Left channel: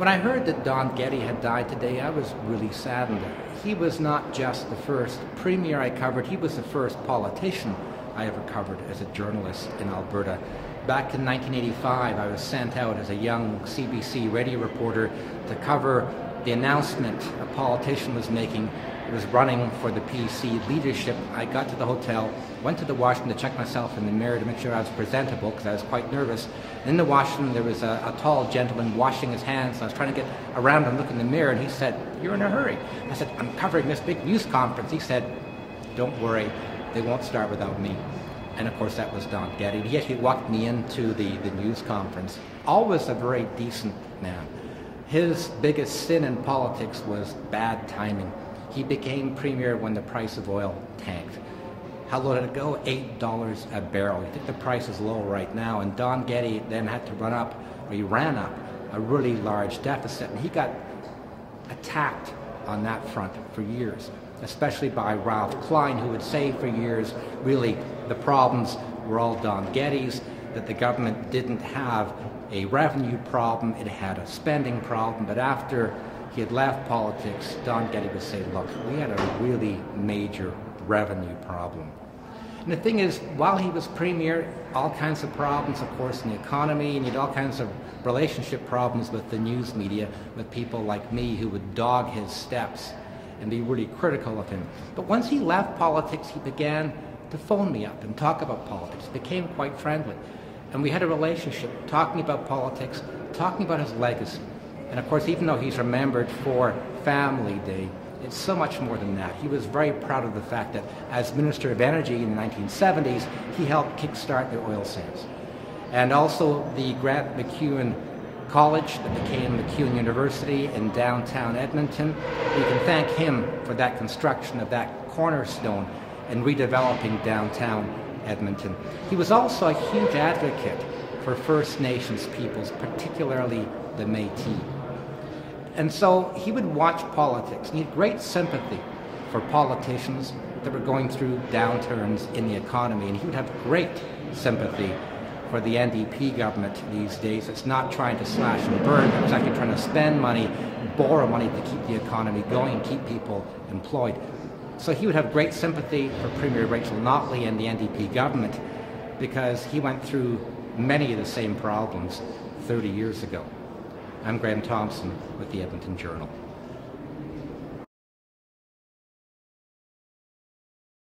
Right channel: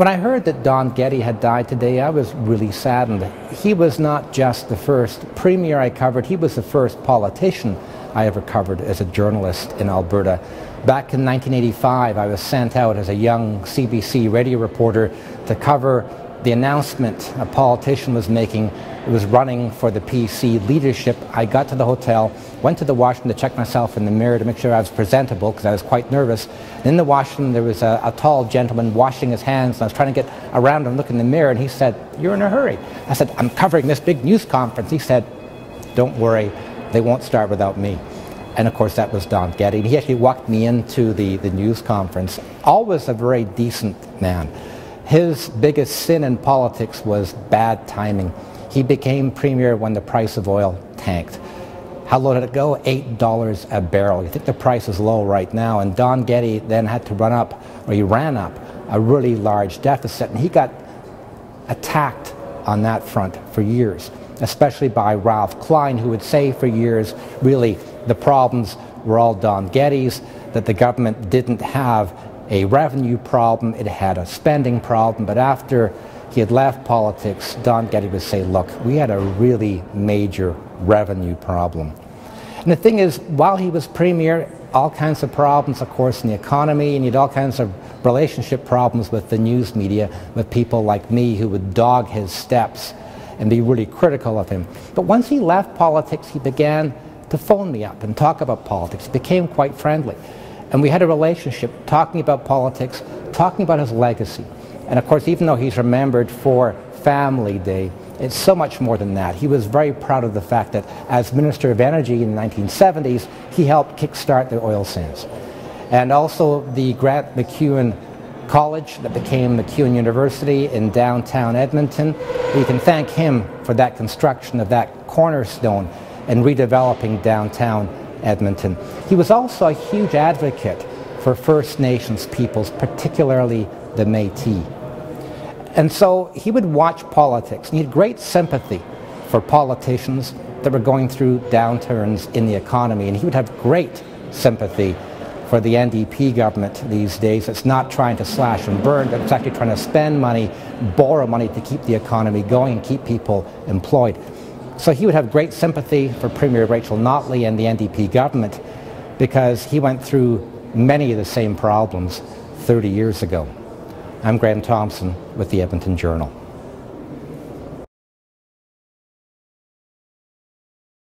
When I heard that Don Getty had died today, I was really saddened. He was not just the first premier I covered, he was the first politician I ever covered as a journalist in Alberta. Back in 1985, I was sent out as a young CBC radio reporter to cover the announcement a politician was making. It was running for the PC leadership. I got to the hotel, went to the washroom to check myself in the mirror to make sure I was presentable because I was quite nervous. In the washroom there was a tall gentleman washing his hands, and I was trying to get around and look in the mirror, and he said, "You're in a hurry." I said, "I'm covering this big news conference." He said, "Don't worry, they won't start without me." And of course that was Don Getty. He actually walked me into the news conference. Always a very decent man. His biggest sin in politics was bad timing. He became premier when the price of oil tanked. How low did it go? $8 a barrel. You think the price is low right now, and Don Getty then had to ran up a really large deficit, and he got attacked on that front for years, especially by Ralph Klein, who would say for years, really, the problems were all Don Getty's, that the government didn't have a revenue problem, it had a spending problem. But after he had left politics, Don Getty would say, "Look, we had a really major revenue problem." And the thing is, while he was premier, all kinds of problems, of course, in the economy, and he had all kinds of relationship problems with the news media, with people like me who would dog his steps and be really critical of him. But once he left politics, he began to phone me up and talk about politics. He became quite friendly. And we had a relationship talking about politics, talking about his legacy. And of course, even though he's remembered for Family Day, it's so much more than that. He was very proud of the fact that as Minister of Energy in the 1970s, he helped kickstart the oil sands. And also the Grant MacEwan College that became MacEwan University in downtown Edmonton. We can thank him for that construction of that cornerstone and redeveloping downtown Edmonton. He was also a huge advocate for First Nations peoples, particularly the Métis. And so he would watch politics, and he had great sympathy for politicians that were going through downturns in the economy, and he would have great sympathy for the NDP government these days. It's not trying to slash and burn, but it's actually trying to spend money, borrow money to keep the economy going and keep people employed. So he would have great sympathy for Premier Rachel Notley and the NDP government because he went through many of the same problems 30 years ago. I'm Graham Thomson with the Edmonton Journal.